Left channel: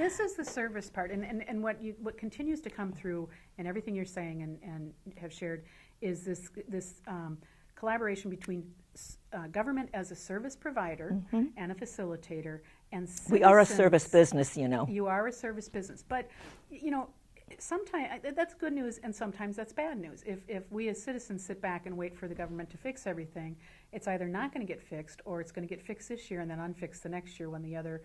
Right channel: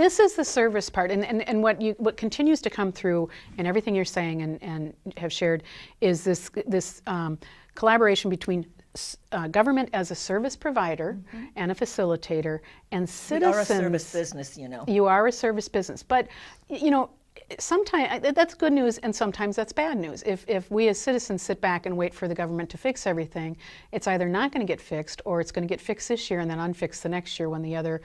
This is the service part, and what continues to come through in everything you're saying and have shared is this collaboration between government as a service provider and a facilitator and citizens. We are a service business, you know. You are a service business, but you know, sometimes that's good news and sometimes that's bad news. If we as citizens sit back and wait for the government to fix everything, it's either not going to get fixed or it's going to get fixed this year and then unfixed the next year when the other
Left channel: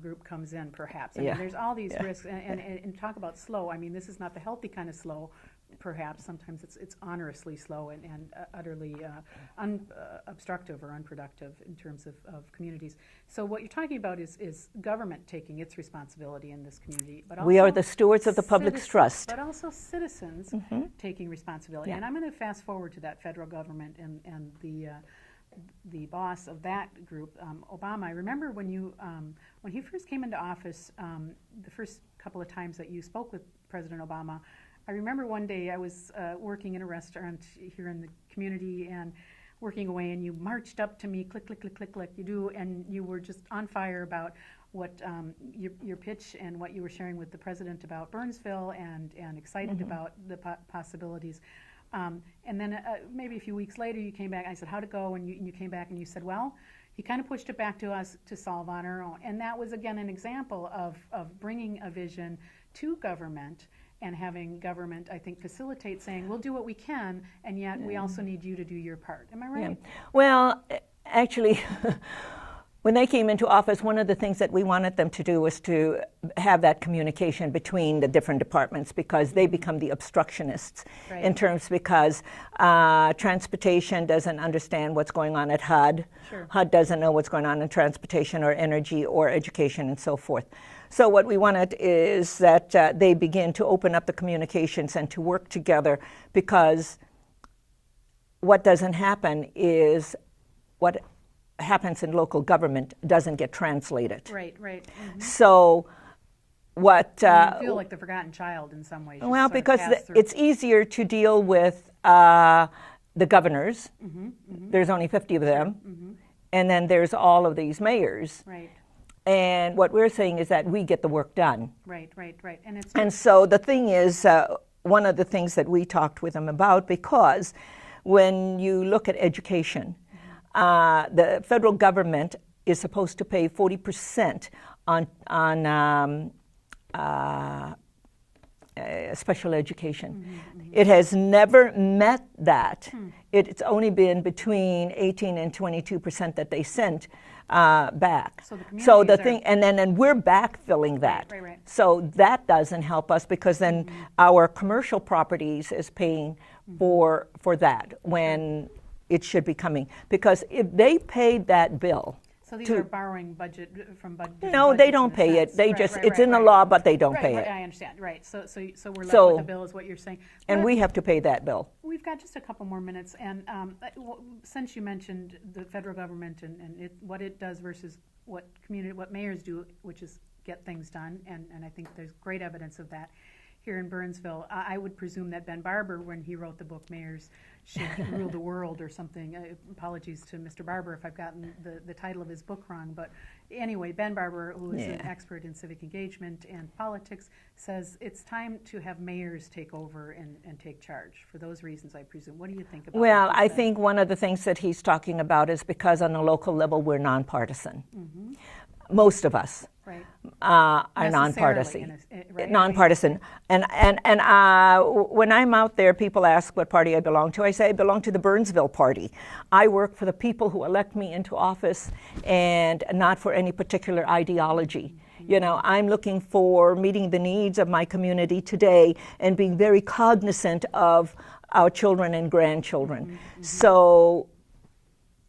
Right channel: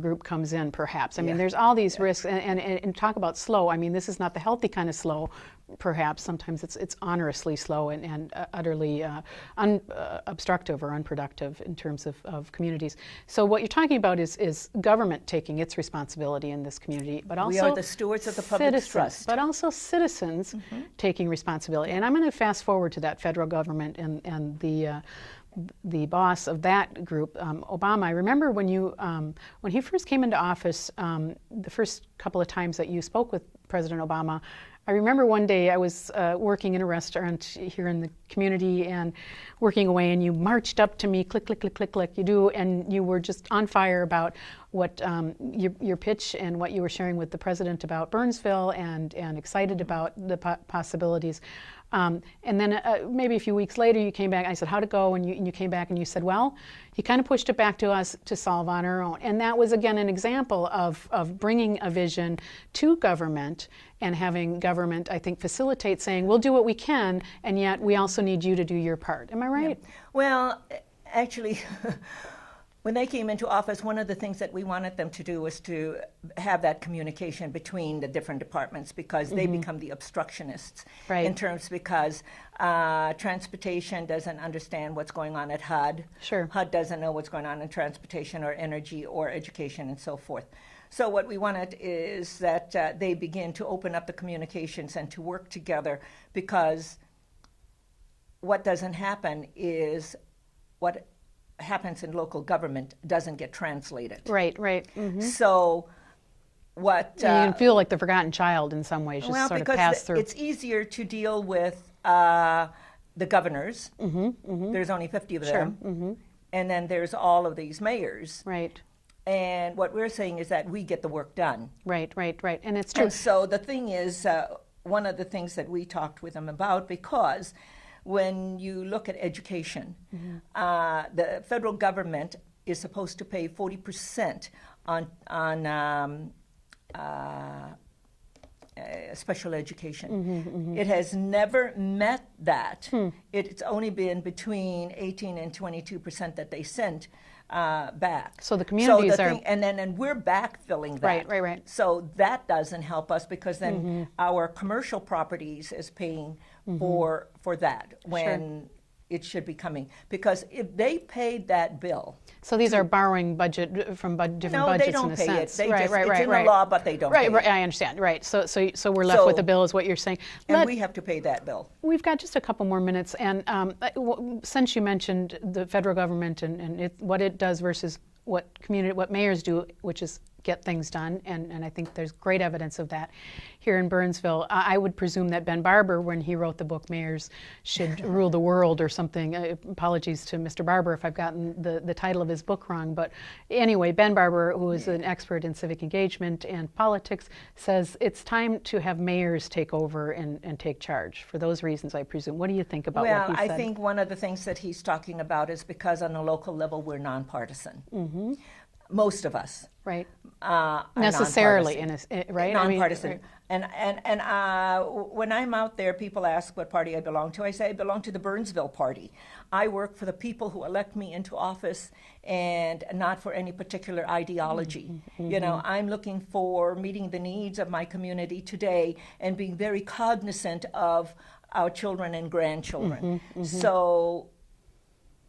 group comes in, perhaps. I mean, there's all these risks, and talk about slow. I mean, this is not the healthy kind of slow, perhaps. Sometimes it's honorously slow and utterly obstructive or unproductive in terms of communities. So what you're talking about is government taking its responsibility in this community, but also we are the stewards of the public trust. But also citizens taking responsibility. And I'm going to fast forward to that federal government and the boss of that group, Obama. I remember when he first came into office, the first couple of times that you spoke with President Obama, I remember one day I was working in a restaurant here in the community and working away, and you marched up to me, click, click, click, click, click, you do, and you were just on fire about what your pitch and what you were sharing with the president about Burnsville and excited about the possibilities. And then maybe a few weeks later you came back, I said, how'd it go? And you came back and you said, well, he kind of pushed it back to us to solve on our own. And that was, again, an example of bringing a vision to government and having government, I think, facilitate saying, we'll do what we can, and yet we also need you to do your part. Am I right? Yeah. Well, actually, when they came into office, one of the things that we wanted them to do was to have that communication between the different departments, because they become the obstructionists in terms, because transportation doesn't understand what's going on at HUD. HUD doesn't know what's going on in transportation or energy or education and so forth. So what we wanted is that they begin to open up the communications and to work together, because what doesn't happen is what happens in local government doesn't get translated. Right. So what... you feel like the forgotten child in some ways. Well, because it's easier to deal with the governors. There's only 50 of them. And then there's all of these mayors. And what we're saying is that we get the work done. Right. And it's true. And so the thing is, one of the things that we talked with them about, because when you look at education, the federal government is supposed to pay 40% on special education. It has never met that. It's only been between 18 and 22% that they sent back. So the communities and we're backfilling that. Right. So that doesn't help us, because then our commercial properties is paying for that when it should be coming. Because if they paid that bill. So these are borrowing budget from different budgets. No, they don't pay it. They it's in the law, but they don't pay it. I understand. So we're left with the bill, is what you're saying. And we have to pay that bill. We've got just a couple more minutes, and since you mentioned the federal government and what it does versus what mayors do, which is get things done, and I think there's great evidence of that here in Burnsville. I would presume that Ben Barber, when he wrote the book Mayors Should Rule the World or something, apologies to Mr. Barber if I've gotten the title of his book wrong, but anyway, Ben Barber, who is an expert in civic engagement and politics, says it's time to have mayors take over and take charge. For those reasons, I presume. What do you think about that? Well, I think one of the things that he's talking about is because on a local level we're nonpartisan. Most of us are necessarily nonpartisan. And when I'm out there, people ask what party I belong to. I say I belong to the Burnsville Party. I work for the people who elect me into office, and not for any particular ideology. You know, I'm looking for meeting the needs of my community today and being very cognizant of our children and grandchildren. So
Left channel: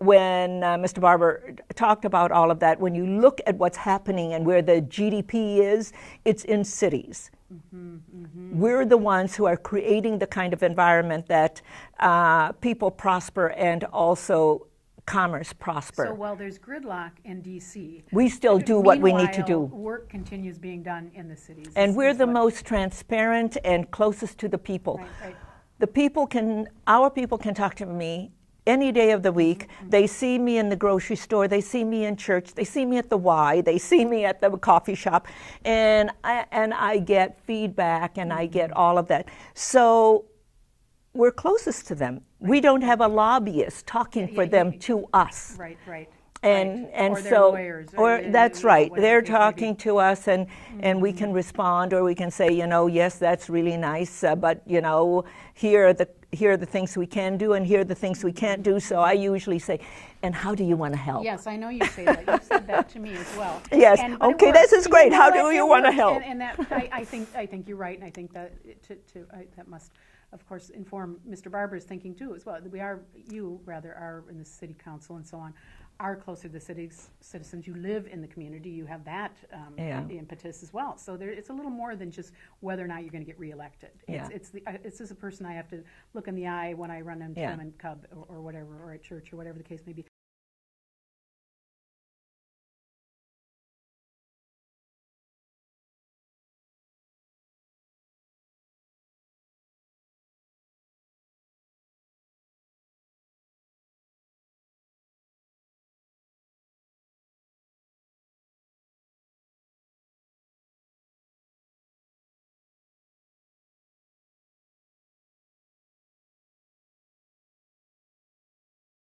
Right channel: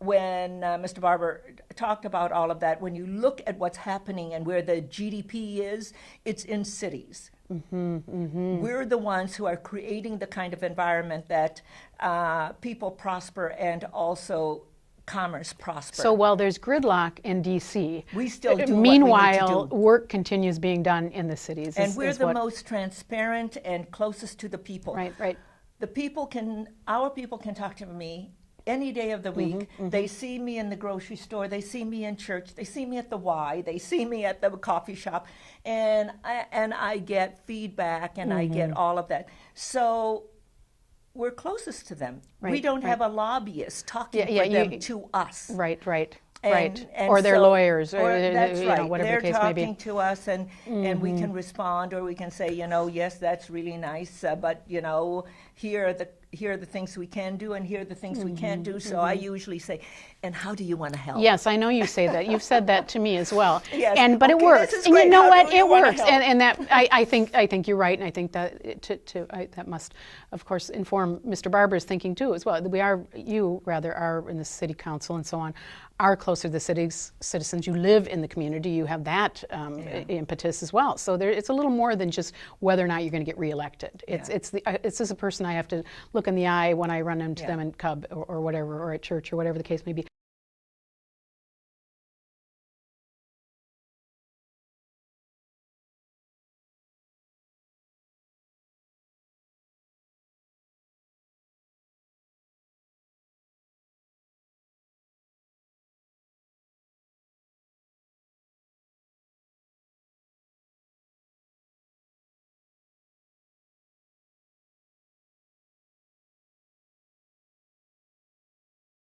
when Mr. Barber talked about all of that, when you look at what's happening and where the GDP is, it's in cities. We're the ones who are creating the kind of environment that people prosper and also commerce prosper. So while there's gridlock in D.C., we still do what we need to do. Work continues being done in the cities. And we're the most transparent and closest to the people. Right. The people can, our people can talk to me any day of the week. They see me in the grocery store, they see me in church, they see me at the Y, they see me at the coffee shop, and I get feedback and I get all of that. So we're closest to them. We don't have a lobbyist talking for them to us. Right. And or their lawyers. Or that's right. They're the talking to us, and we can respond, or we can say, yes, that's really nice, but here are the things we can do, and here are the things we can't do. So I usually say, and how do you want to help? Yes, I know you say that. You've said that to me as well. Yes. But okay, it works. This is great. How do you want to help? And that I think you're right, and I think that that must, of course, inform Mr. Barber's thinking too as well. You are in the city council and so on, are closer to the city's citizens. You live in the community. You have that impetus as well. So it's a little more than just whether or not you're going to get reelected. It's as a person I have to look in the eye when I run into them in Cub or whatever, or at church or whatever the case may be.